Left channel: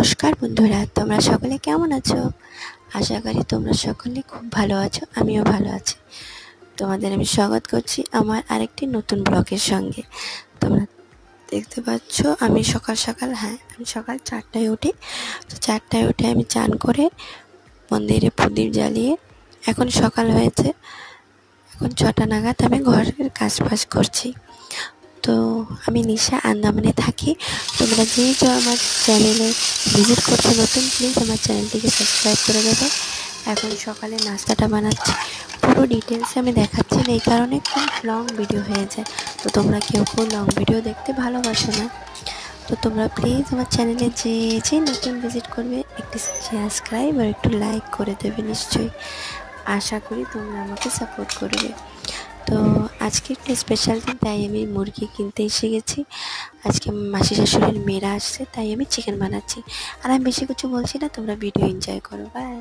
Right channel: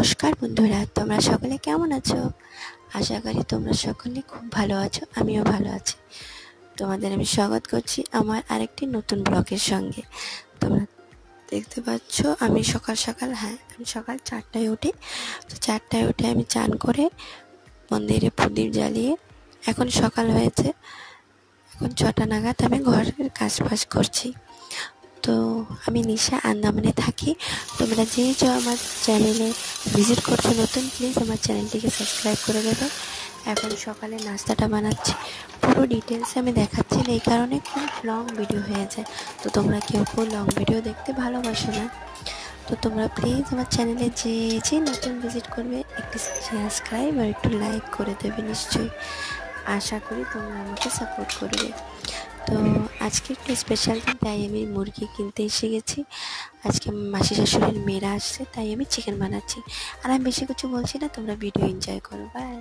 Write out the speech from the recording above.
নমস্কার বন্ধুরা, তোমরা সকলে কেমন আছো? আশা করি তোমরা সকলে খুব ভালো আছো। আমিও ভালো আছি। তোমাদের আমি স্বাগত করছি আমার আরেকটি নতুন ব্লগের সঙ্গে। তোমরা দেখতে পাচ্ছ আমি সকাল 4টায় উঠি। তো 4টায় উঠে আমি চান করে মন্দিরে প্রদীপ জ্বালিয়ে এখন সকাল হয়েছে, এখন 6টা নাগাদ আমি ঘরের কাজ করছি। তো আমি নিশা আন্দামানে থাকি। তোমরা যে আমার চ্যানেলে ভিজিট করছো নতুন, প্লিজ আমার চ্যানেলটিকে সাবস্ক্রাইব করে দেবে। এখন সকালে নাস্তাটা বানাচ্ছি, পুরো ডিটেলসে আমি দেখাচ্ছি না, এই কারণে খুব লং ভিডিও হয়ে যায়। তো তোমরা কেউ লং ভিডিও দেখতে ভালোবাসো না, তো তোমরা প্লিজ আমার চ্যানেলে যে নতুন ভিজিট করবে একটু সাবস্ক্রাইব আর একটু লাইক করে দেবে নিশ্চয়ই। আশা করি তোমরা আমাকে সাপোর্ট করবে। তো আজকে একটু স্পেশাল দিন, তাই আমি মুরগি কিনতে এসে গেছি। আজকে মাসি শাশুড়ির মেয়েরা আসছে, তাই আমি চিকেন বানাচ্ছি। আর আমি বেশি কিছু বলছি না, তোমরা ভিডিও এনজয় করো। বাই।